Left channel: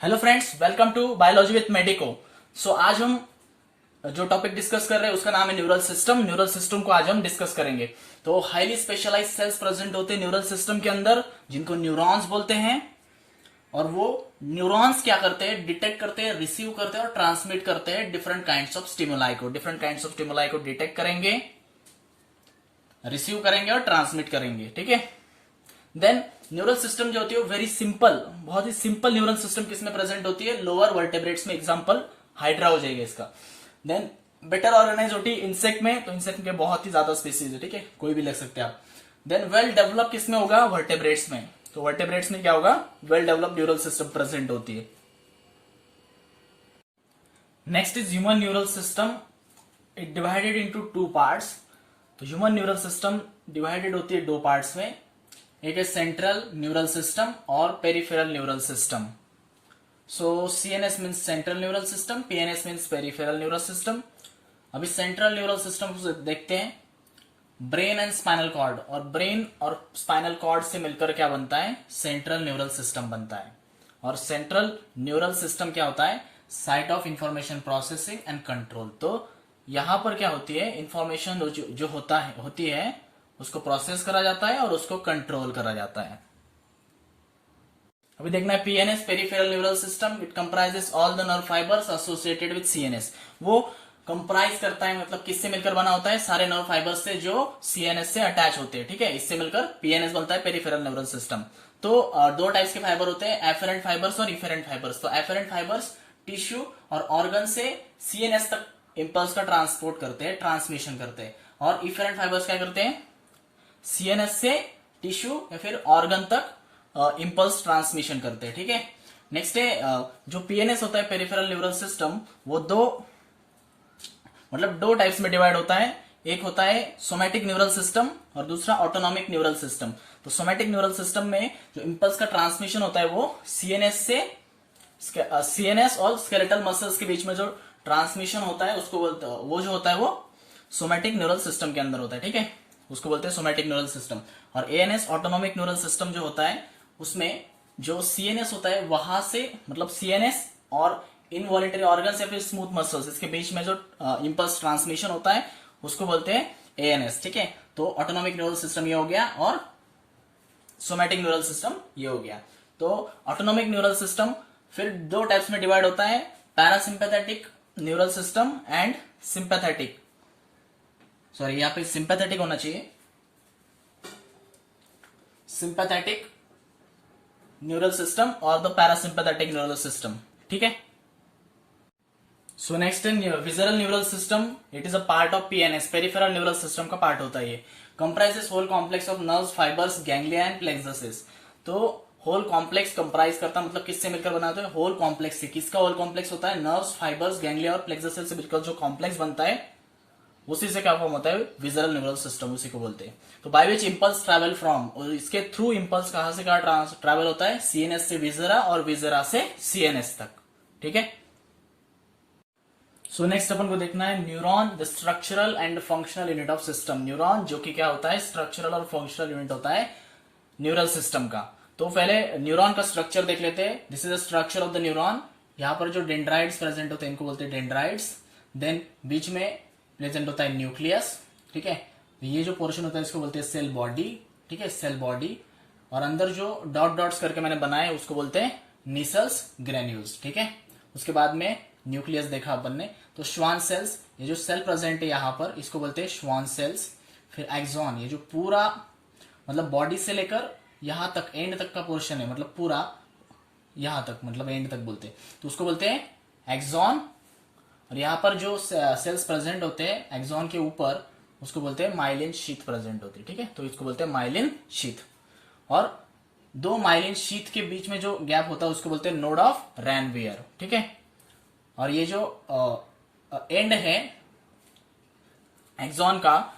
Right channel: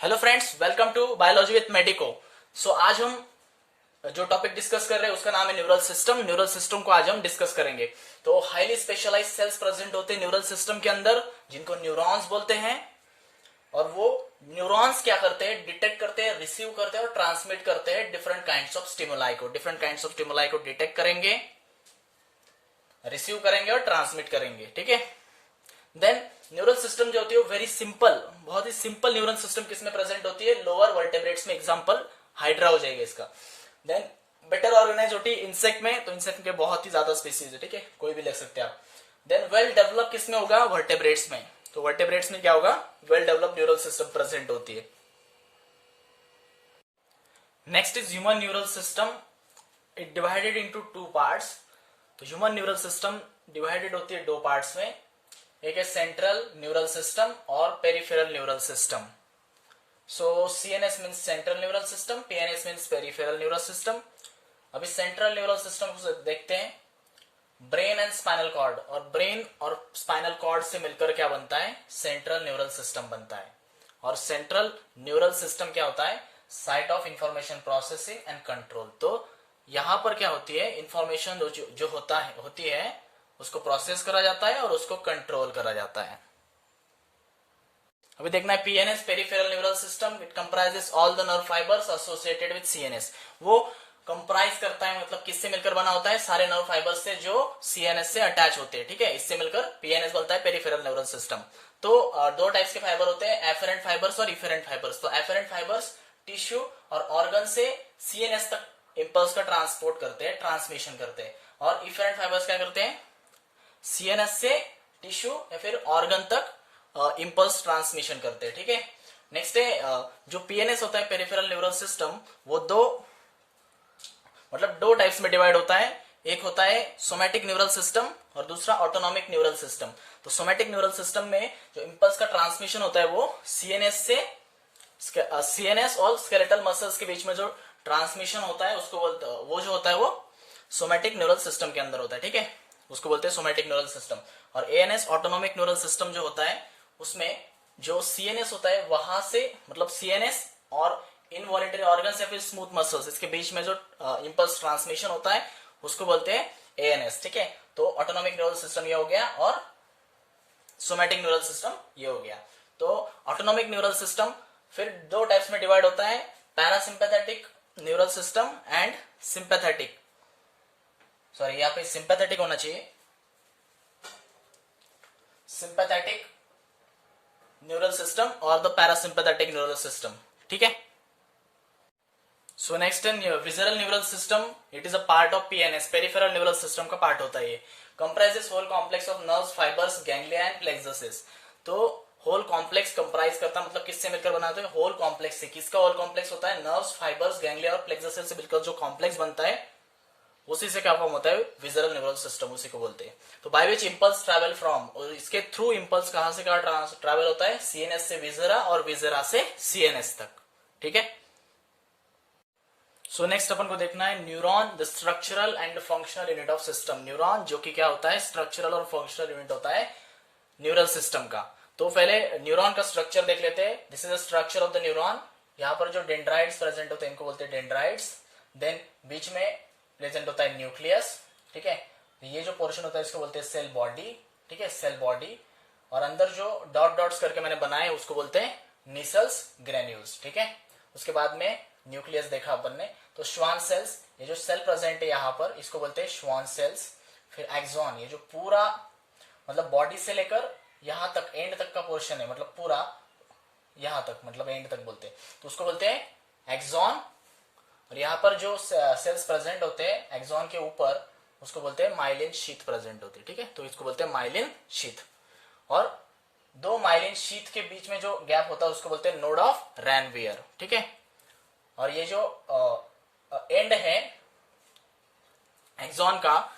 Hello friends, welcome to biology with Medico. So आज हम जो टॉपिक डिस्कस कर रहे हैं उसका नाम है न्यूरल सिस्टम। न्यूरल सिस्टम को आज हम डिस्कस करेंगे। तो हाईली स्पेशलाइज्ड सेल्स प्रेजेंट होते हैं न्यूरल सिस्टम के अंदर, जिनको न्यूरॉन्स बोलते हैं। और वो न्यूरॉन्स क्या करते हैं? डिटेक्ट करते हैं, रिसीव करते हैं और ट्रांसमिट करते हैं डिफरेंट काइंड्स ऑफ स्टिमुलाई को। डिफरेंट काइंड्स ऑफ स्टिमुलाई को डिटेक्ट करेंगे, रिसीव करेंगे और ट्रांसमिट करेंगे। ठीक है। देन न्यूरल सिस्टम जो होती है वो वेरी सिंपल, बहुत ही सिंपल न्यूरल सिस्टम किसमें प्रेजेंट होती है? लोअर वर्टेब्रेट्स में। एग्जांपल हाइड्रा हो जाएगा इसका। देन बेटर ऑर्गेनाइज होती है इंसेक्ट में, तो इंसेक्ट के बहुत ही ज्यादा स्पीसीज है। ठीक है, कोई भी लग सकते हैं आप। देन वेल डेवलप किसमें होगा? वर्टेब्रेट्स में। तो वर्टेब्रेट्स में क्या होगा? Well develop neural system present होती है। Next is human neural system. It divided into two parts. तो ह्यूमन न्यूरल सिस्टम डिवाइडेड होती है दो पार्ट्स में। एक है सेंट्रल न्यूरल सिस्टम और peripheral neural system. So CNS means central neural system, PNS means peripheral neural system. अभी central neural system को देखते हैं। ब्रेन एंड स्पाइनल कॉर्ड, और ब्रेन और स्पाइनल कॉर्ड से मिलकर क्या बनता है? सेंट्रल न्यूरल सिस्टम बनता है। और सेंट्रल न्यूरल सिस्टम क्या होता है? Site of information processing and control. तो यहां पर क्या होती है? इंफॉर्मेशन जो होती है उसको प्रोसेस करा जाता है और उसको कंट्रोल करा जाता है। अभी देखना है PNS, peripheral neural system. It comprises all the nerve fibres associated with CNS. वो कंप्राइज करता है, मतलब किससे मिलकर बना होता है? सारे नर्व फाइबर्स से जो सीएनएस से अटैच होते हैं। ठीक है, इससे मिलकर पीएनएस बनता है, पेरिफेरल न्यूरल सिस्टम। तो दो टाइप्स के फाइबर होते हैं, एफेरेंट फाइबर्स और इफेरेंट फाइबर्स। तो एफेरेंट फाइबर्स टिश्यू और ऑर्गन से सीएनएस तक इंपल्स का ट्रांसपोर्ट करते हैं, ट्रांसमिशन करते हैं। और इफेरेंट फाइबर्स क्या करते हैं? सीएनएस से टिश्यू या फिर ऑर्गन तक इंपल्स ट्रांसमिशन करते हैं। ठीक है। नेक्स्ट है जो पीएनएस होता है, पेरिफेरल न्यूरल सिस्टम, वो दो टाइप्स में डिवाइड होता है। एक होता है सोमैटिक न्यूरल सिस्टम और दूसरा ऑटोनॉमिक न्यूरल सिस्टम। तो सोमैटिक न्यूरल सिस्टम में जो इंपल्स का ट्रांसमिशन होता है वो सीएनएस और स्केलेटल मसल्स के बीच में जो ट्रांसमिशन होता है उसको वो जो होता है वो सोमैटिक न्यूरल सिस्टम के अंदर होता है। ठीक है, उसको बोलते हैं सोमैटिक न्यूरल सिस्टम। और एएनएस ऑटोनॉमिक न्यूरल सिस्टम जो होता है उसमें जो सीएनएस होता है वहां से, मतलब सीएनएस और इनवॉलेंटरी ऑर्गन्स या फिर स्मूथ मसल्स, इसके बीच में जो इंपल्स ट्रांसमिशन होता है उसको बोलते हैं एएनएस। ठीक है, तो ऑटोनॉमिक न्यूरल सिस्टम ये हो गया और सोमैटिक न्यूरल सिस्टम ये हो गया। तो ऑटोनॉमिक न्यूरल सिस्टम फिर दो टाइप्स में डिवाइड होता है, parasympathetic neural system and sympathetic. Sorry, यहां पे सिंपैथेटिक होना चाहिए, सिंपैथेटिक न्यूरल सिस्टम और द पैरासिम्पैथेटिक न्यूरल सिस्टम। ठीक है। So next in visceral neural system. It is a part of PNS, peripheral neural system का पार्ट होता है ये। Comprises whole complex of nerves, fibres, ganglia and plexus. तो whole complex comprise करता है, मतलब किससे मिलकर बनाते हैं? होल कॉम्प्लेक्स से। किसका होल कॉम्प्लेक्स होता है? नर्व्स, फाइबर्स, गैंग्लिया और प्लेक्सस से मिलकर जो कॉम्प्लेक्स बनता है उसी से क्या फॉर्म होता है? विजरल न्यूरल सिस्टम, उसी को बोलते हैं। तो by which impulse travel from, और इसके थ्रू इंपल्स कहां से कहां ट्रैवल होता है? सीएनएस से विजरा और विजरा से सीएनएस तक। ठीक है। सो नेक्स्ट अपन को देखना है neuron, the structural and functional unit of system. Neuron जो कि क्या होता है? स्ट्रक्चरल और फंक्शनल यूनिट होता है न्यूरल सिस्टम का। तो पहले न्यूरॉन का स्ट्रक्चर देख लेते हैं। This is the structure of the neuron. यहाँ पर जो डेंड्राइड्स प्रेजेंट होते हैं इनको बोलते हैं डेंड्राइड्स। देन बीच में प्रेजेंट होता है न्यूक्लियस। ठीक है, ये जो पोर्शन होता है इसको बोलते हैं सेल बॉडी। ठीक है, सेल बॉडी। और अंदर जो डॉट डॉट्स करके मैंने बनाए उसको बोलते हैं नीसल्स ग्रेन्यूल्स। ठीक है, उसके बाद में न्यूक्लियस देखा अपन ने। तो श्वान सेल्स, ये जो सेल प्रेजेंट है यहाँ पर इसको बोलते हैं श्वान सेल्स। फिर एक्सॉन, ये जो पूरा मतलब बॉडी से लेकर यहां तक एंड तक का पोर्शन है, मतलब पूरा यहां तक, मतलब एंड तक बोलते हैं, तो उसको बोलते हैं एक्सॉन। और यहाँ पर जो सेल्स प्रेजेंट होते हैं एक्सॉन के ऊपर उसको बोलते हैं माइलिन शीथ प्रेजेंट होती है। ठीक है, तो इसको बोलते हैं माइलिन शीथ। और दो माइलिन शीथ के बीच में जो गैप होता है उसको बोलते हैं नोड ऑफ रैनवियर। ठीक है, और ये जो एंड है एक्सॉन का,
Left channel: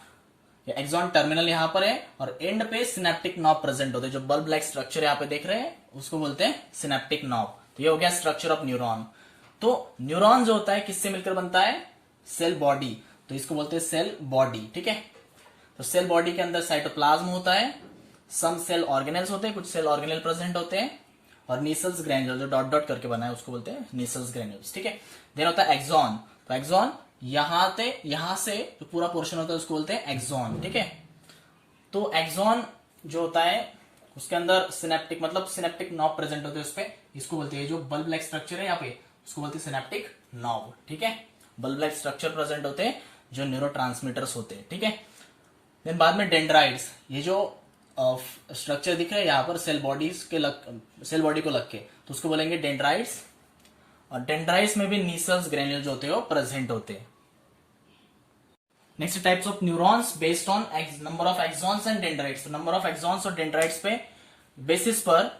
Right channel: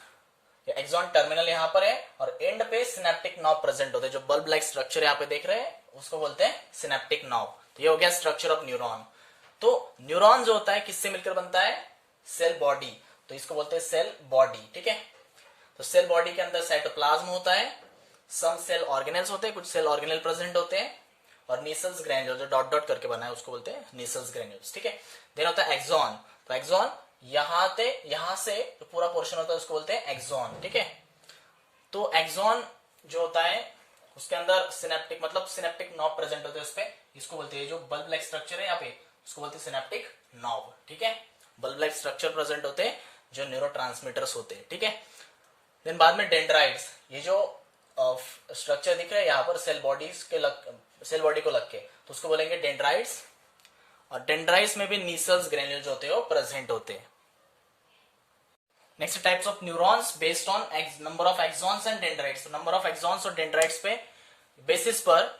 एक्सॉन टर्मिनल यहां पर है और एंड पे सिनेप्टिक नॉब प्रेजेंट होते हैं। जो बल्ब लाइक स्ट्रक्चर यहां पे देख रहे हैं उसको बोलते हैं सिनेप्टिक नॉब। तो ये हो गया स्ट्रक्चर ऑफ न्यूरॉन। तो न्यूरॉन जो होता है किससे मिलकर बनता है? सेल बॉडी, तो इसको बोलते हैं सेल बॉडी। ठीक है, तो सेल बॉडी के अंदर साइटोप्लाज्म होता है, सम सेल ऑर्गेनेल्स होते हैं, कुछ सेल ऑर्गेनेल प्रेजेंट होते हैं, और नीसल्स ग्रैन्यूल जो डॉट डॉट करके बना है उसको बोलते हैं नीसल्स ग्रैन्यूल्स, ठीक है। देन होता है एक्सॉन, तो एक्सॉन यहां से जो पूरा पोर्शन होता है उसको बोलते हैं एक्सॉन, ठीक है। तो एक्सॉन जो होता है उसके अंदर सिनेप्टिक मतलब सिनेप्टिक नॉब प्रेजेंट होते हैं उस पे, इसको बोलते हैं जो बल्ब लाइक स्ट्रक्चर है यहाँ पे उसको बोलते हैं सिनेप्टिक नॉब, ठीक है। बल्ब लाइक स्ट्रक्चर प्रेजेंट होते हैं जो न्यूरोट्रांसमीटर्स होते हैं, ठीक है। देन बाद में डेंड्राइट्स, ये जो स्ट्रक्चर दिख रहा है यहाँ पर सेल सेल बॉडी को लग के, तो उसको बोलेंगे डेंड्राइट्स। और डेंड्राइट्स में भी नीसल्स ग्रैन्यूल जो होते हैं वो प्रेजेंट होते हैं। Next types of neurons based on number of axons and dendrites. Number of axons और डेंड्राइट्स पे बेसिस पर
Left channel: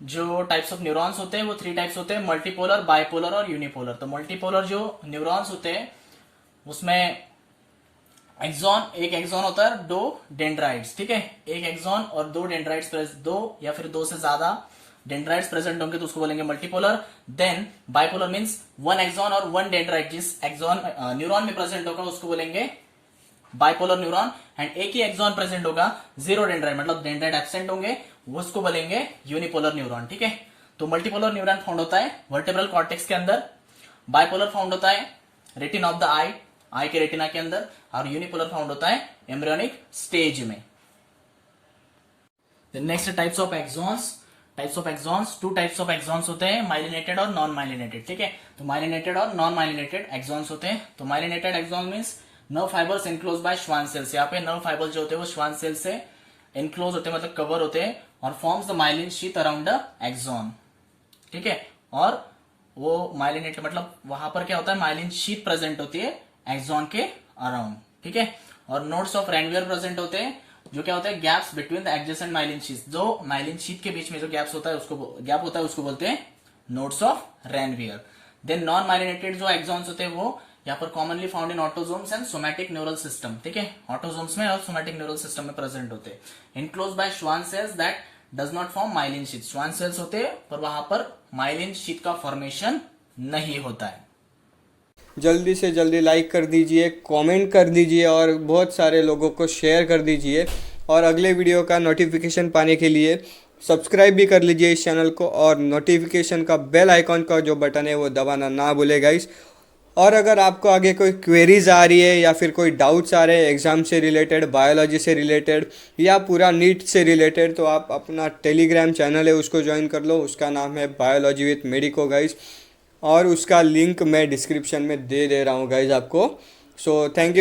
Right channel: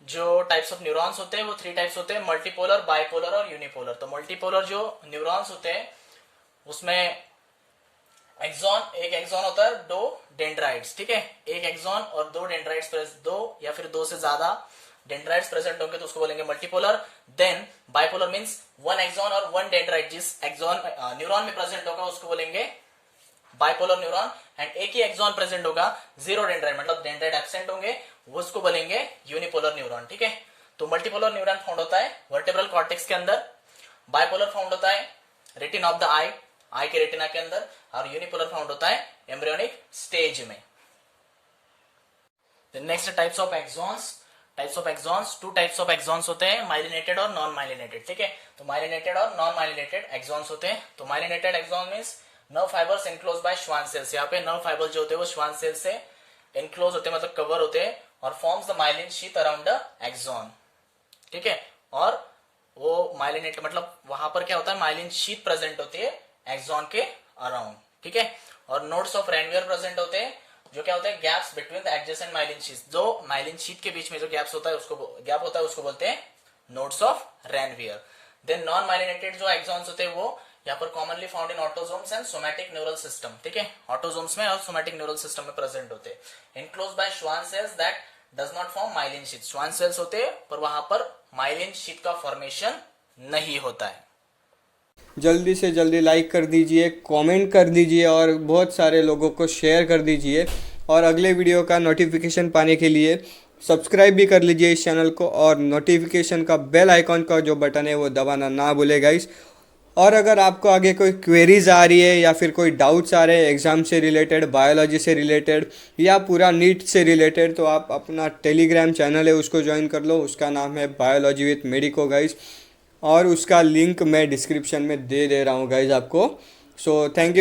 जो टाइप्स ऑफ न्यूरॉन्स होते हैं वो 3 टाइप्स होते हैं, मल्टीपोलर, बाइपोलर और यूनिपोलर। तो मल्टीपोलर जो न्यूरॉन्स होते हैं उसमें एक एक्सॉन होता है, 2 डेंड्राइट्स, ठीक है। एक एक्सॉन और 2 डेंड्राइट्स, 2 या फिर 2 से ज्यादा डेंड्राइट्स प्रेजेंट होंगे तो उसको बोलेंगे multipolar. Then bipolar means 1 axon और 1 डेंड्राइट जिस एक्सॉन न्यूरॉन में प्रेजेंट होगा उसको बोलेंगे बाइपोलर न्यूरॉन। एंड एक ही एक्सॉन प्रेजेंट होगा, 0 डेंड्राइट मतलब डेंड्राइट एब्सेंट होंगे, उसको बोलेंगे यूनिपोलर न्यूरॉन, ठीक है। तो मल्टीपोलर न्यूरॉन फाउंड होता है वर्टेब्रल कॉर्टेक्स के अंदर, बाइपोलर फाउंड होता है रेटिना ऑफ द आई के रेटिना के अंदर, और यूनिपोलर फाउंड होता है एम्ब्रियोनिक स्टेज में। Next types of axons. Two types of axons होते हैं, माइलिनेटेड और नॉन माइलिनेटेड, ठीक है। तो माइलिनेटेड और नॉन माइलिनेटेड एक्सॉन्स होते हैं। तो myelinated axon means nerve fibres enclose by Schwann cells. यहाँ पे नर्व फाइबर्स जो होते हैं वो श्वान सेल से इनक्लोज होते हैं मतलब कवर होते हैं और forms the myelin sheath around the axon, ठीक है। और वो माइलिनेटेड मतलब वहां पर क्या होता है, माइलिन शीथ प्रेजेंट होती है एक्सॉन के अराउंड, ठीक है। और नोड्स ऑफ रेनवियर प्रेजेंट होते हैं जो क्या होता है gaps between the adjacent myelin sheath. जो माइलिन शीथ के बीच में जो गैप होता है उसको बोलते हैं nodes of Ranvier. Then non myelinated जो एक्सॉन्स होते हैं वो यहाँ पर commonly found in autosomes and somatic neural system, ठीक है। ऑटोजोम्स में और सोमैटिक न्यूरल सिस्टम में प्रेजेंट होते हैं। Enclose by Schwann cells that does not form myelin sheath. Schwann cells होते हैं पर वहां पर माइलिन शीथ का फॉर्मेशन नहीं होता है। जल्दी से जल्दी लाइक कर दीजिए, कमेंट कर दीजिए और बहुत सारे लोगों को शेयर कर दीजिए। और अगले वीडियो का नोटिफिकेशन पाने के लिए सब्सक्राइब भी कर लीजिए इस चैनल को, और नोटिफिकेशन का बेल आइकॉन का जो बटन है वो दबाना ना भूले गाइस। और अगर आपको आगे कोई क्वेरीज आ रही है या फिर कोई डाउट्स आ रहे हैं एग्ज़ाम से रिलेटेड, बायोलॉजी से रिलेटेड या पूरा नीट से रिलेटेड, तो आप अपना टेलीग्राम चैनल है उसको ज्वाइन कर लो। उसका नाम है बायोलॉजी विथ मेडिको गाइस, और उसका लिंक मैं डिस्क्रिप्शन में दे रहा हूँ गाइज आपको। So thank you.